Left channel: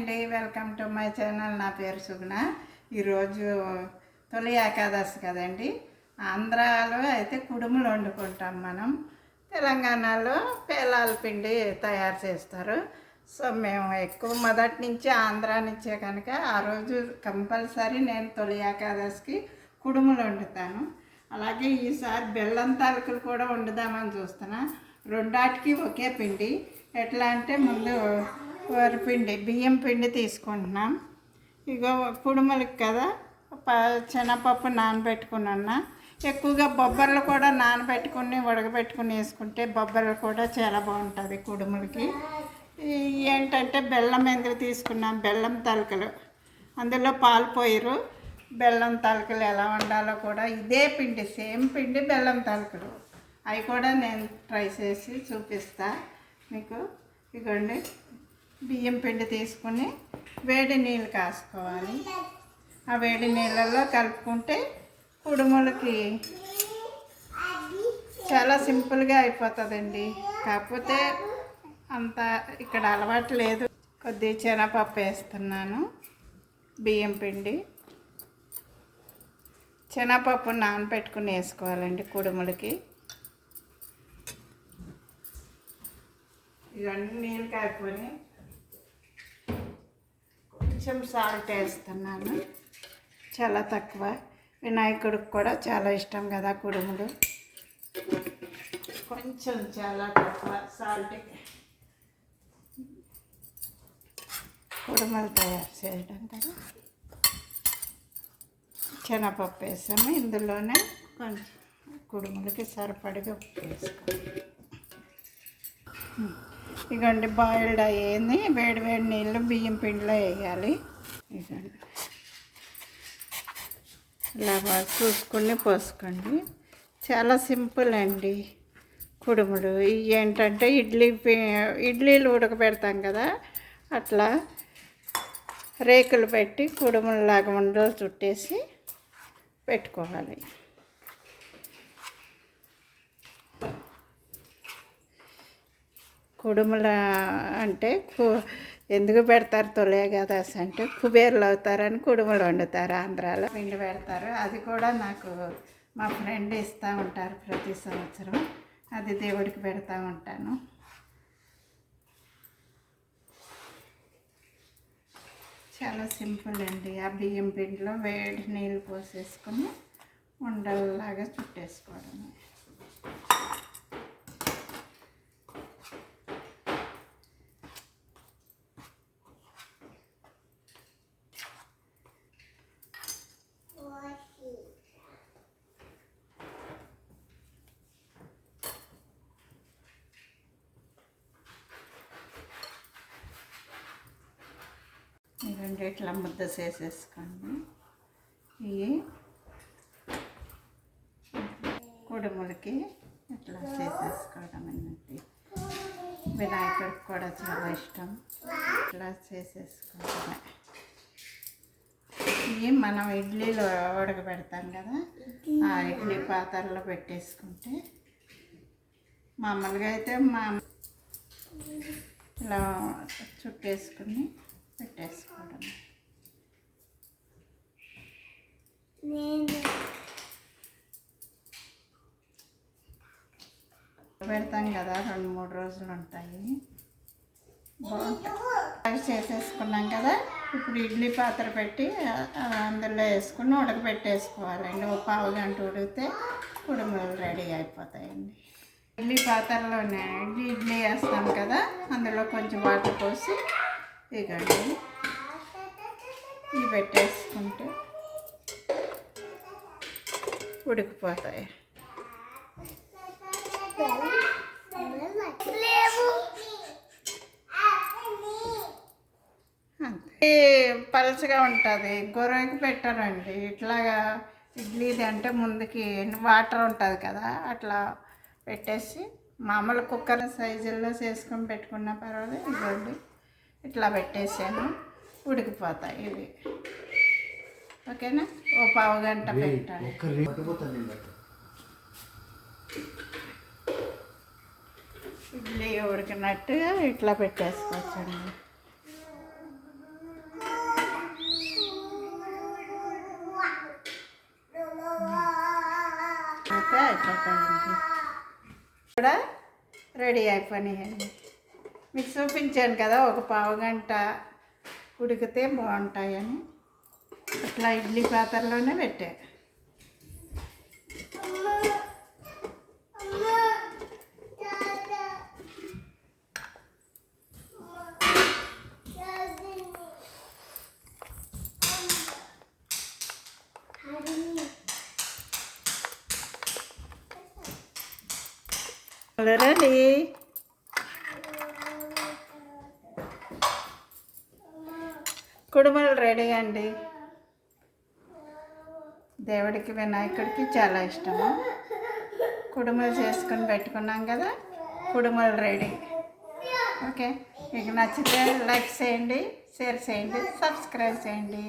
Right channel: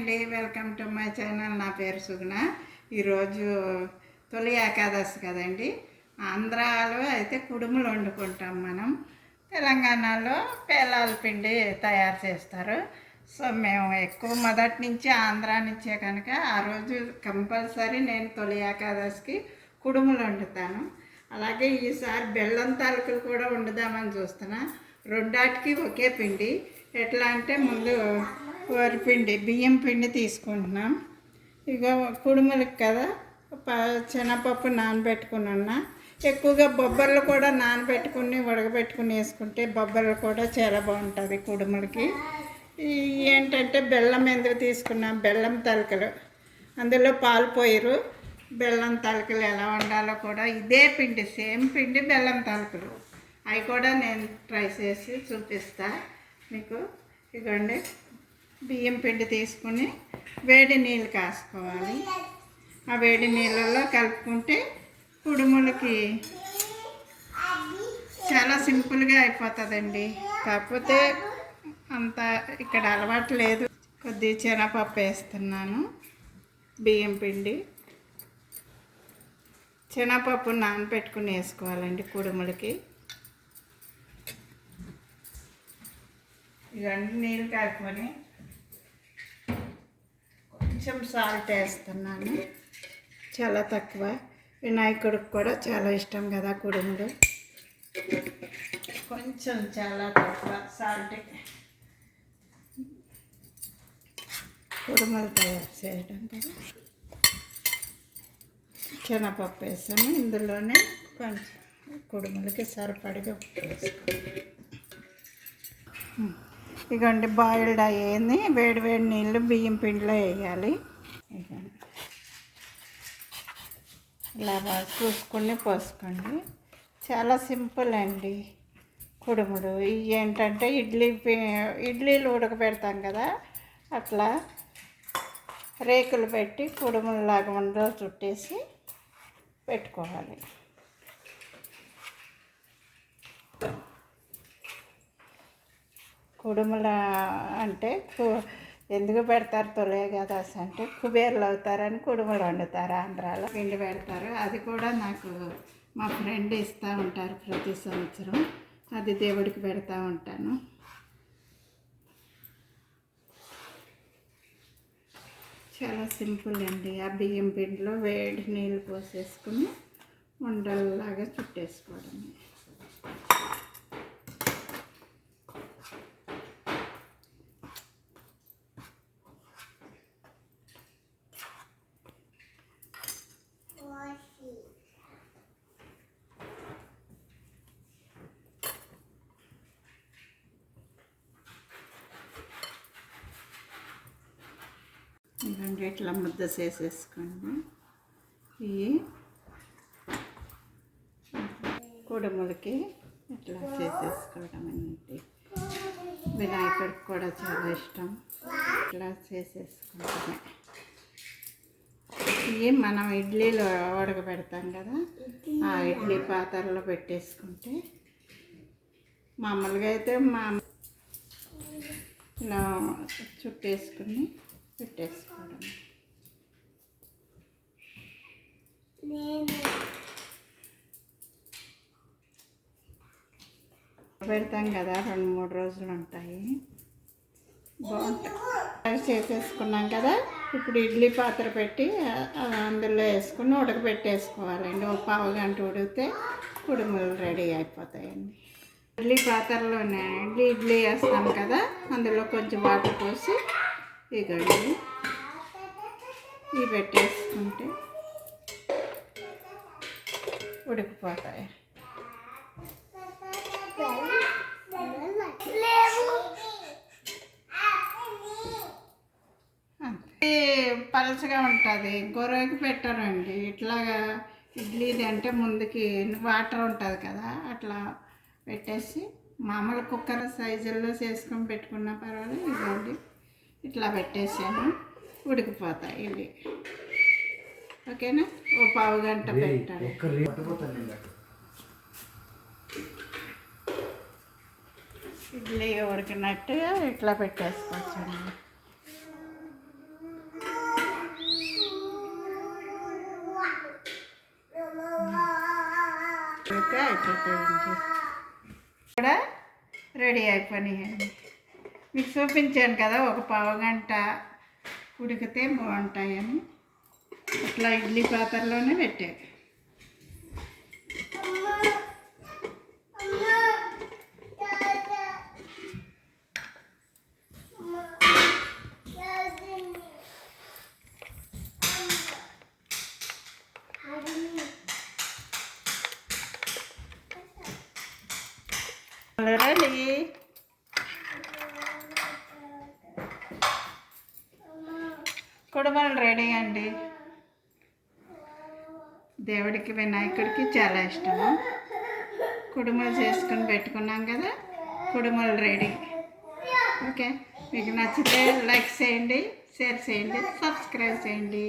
అండి, welcome to my channel. నా పేరు సుగుణ. ఈరోజు తొలి ఏకాదశి కదండి. ఆంధ్రాలో అయితే కుడుములు వండుకుంటాం మనం. తెలంగాణలో పేలాల పిండి తయారు చేస్తారు. సో మేము ఎక్కువ మొదటి నుంచి ఆంధ్రా నుంచే కనుక ఆ రోజు కంపల్సరీ నేను తొలి ఏకాదశికి కుడుములు వండుతాను. అలాగే ఈసారి బెల్లం తాలకులు కూడా వండుదామని చూస్తున్నా. రెండాటికి ఒకే పిండి. ఎట్లా అంటే ముందు వరిపిండి బియ్యం పిండి తీసుకుంటున్నాం. ఇక కుడుములకి కదా శనగపప్పు నానబెట్టుకున్నా. ఎక్కువగా బొబ్బర్లు కూడా నానబెట్టుకుని ఉడకబెట్టుకుని వేసుకుంటే బొబ్బర్లు కూడా చాలా బాగుంటుంది కుడుములకి. ఏంటంటే బెల్లం ఎందుకు తీసుకున్నాం, బెల్లం తలకలు, అందులో పాలు పోయిరు. బెల్లం తలకలు ఎలా వండాలో కూడా ఇదే పిండి, సేమ్ పిండి బెల్లం తలకలు, అవి కూడా నేను ట్రై చేసి చూపిస్తా మీకు. ఇదిగోండి, బియ్యం పిండి తీసుకుని వేడి నీళ్ళు కాసుకోవాలి. ఆ వేడి నీళ్ళల్లో కలుపుకుంటే కుడుములకి చాలా సింపుల్గా అయిపోతుందండి. కాకపోతే అంత ఇక్కడ అలవాటు లేదు. కొద్దిగా శనగపప్పు వేస్తున్నాను, బియ్యం పిండి, శనగపప్పు నానబెట్టుకుని వేసుకోవాలండి కుడుములకి. ఇవన్నీ నీళ్ళు కాకపోయి కొంచెం సాల్ట్ వేస్తున్నాను, చాలా తక్కువ. వినాయకుడికి కూడా చాలా ఇష్టం కదా కుడుములు. కొంచెం చాలా తక్కువ సాల్ట్ కుడుములు తయారు చేయడం కదా. శనగపప్పు వేసాము, ఇందులోనే కొంచెం కుడుములకి సరిపడిగా వేసుకోవాలి. ఇకండి బాయిల్డ్ అయ్యేది వేడి వేడి నీళ్ళు బియ్యం పిండిలో వేయాలి. ఇకండి ఇలా బాగా చూసుకుని పోసుకోండి. చాలా సింపుల్ అండి కుడుములు. ఇవి ఏంటంటే ఇడ్లీలు ఉడకబెడతాం కదా, అట్లా రేకులు పెట్టి కుడుములలాగా ఉండలు చుట్టేసి పెట్టుకోవాలి. కుడుముల అంటే ఎందుకు పెడతారు తొలి ఏకాదశి అంటే కుబేర్లు అవుతారని కుడుములు వండుతారు. ఆంధ్రాలో పిండి పెడతారు. అది కూడా నాకు మా ఫ్రెండ్ ఇస్తూ ఉంటారు ప్రతి సంవత్సరం. అది దేవుడికి పెడతా ఉంటాను. చాలా సింపుల్ అండి. ఆ బియ్యం పిండిలో వేడి నీళ్ళు పోసేసుకుని ఉండల్లాగా చుట్టేసుకోవడమే. ఇదండి ఇట్లా ముద్ద చేసేసుకోండి. ఇవి కుడుములకి ఇట్లా చేసేసుకోవడం అన్నట్టు. వినాయకుడికి కూడా చాలా ఇష్టం. ఇట్లా చేసేసుకోవడమే. ఇవి మనం ఇడ్లీలో ఉడకబెడతాం కదా, ఆ ఇడ్లీ పాత్రలో పెట్టేసుకుంటే మామూలుగా అయితే ఇలా చుట్టేసుకుని పెట్టేసుకోవడం. పెడతాం కదా, 2-3 రోజులు ఉంటాయి. బాగుంటాయి. చేసేసుకున్నాం కదా, ఇప్పుడు ఇడ్లీ పాత్ర పెట్టి అందులో వేసుకుని ఉడకబెట్టేసుకోవాలండి. ఒక పావు గంట ఉడికితే కుడుములు రెడీ అయిపోతాయండి. ఇడ్లీ పాత్రలోనే ఇడ్లీ వేస్తాం కదా, అందులో కొంచెం వాటర్ పోసి ఇగండి ఇవి పెట్టేసుకుంటే ఉడికిపోతాయి. అంతే, పలచగా ఉంటుంది. గొర్రెకి పెట్టారండి. ఇట్లాగా ఇడ్లీది అంటే ముందుకి వాటర్ ఉంటుంది కదా, అట్లా పెట్టేసి మామూలు కుక్కర్ సైజుల్లో చేసుకొని పెట్టుకున్నా పర్వాలేదు. ఇదండి ఇట్లా పెట్టేసాను, ఉడికిపోతాయి ఇవి. ఓకేనా, ఓ పావు గంట పెట్టాలి. ఇడ్లీ ఉడికినట్టుగా ఇట్లా పెట్టేసుకోవచ్చండి. అయిపోతాయండి. కూడా రెడీ అయిపోయినాయండి. మీకు చూపించాను కదా, ఒక పావుగంట ఉడికితే బాగుంటాయని అట్లా ఇడ్లీ పాత్రలోనే పెట్టాను. రెడీ. కుడుములు రెడీ అండి. దేవుడికి వినాయకుడికి చాలా ఇష్టము. కుడుములు చేసుకుని పెట్టుకున్నాం కదా, కుడుములు రెడీ. ఓకే, మీకు నచ్చితే లైక్ చేయండి, షేర్ చేయండి, సబ్స్క్రైబ్ చేయండి.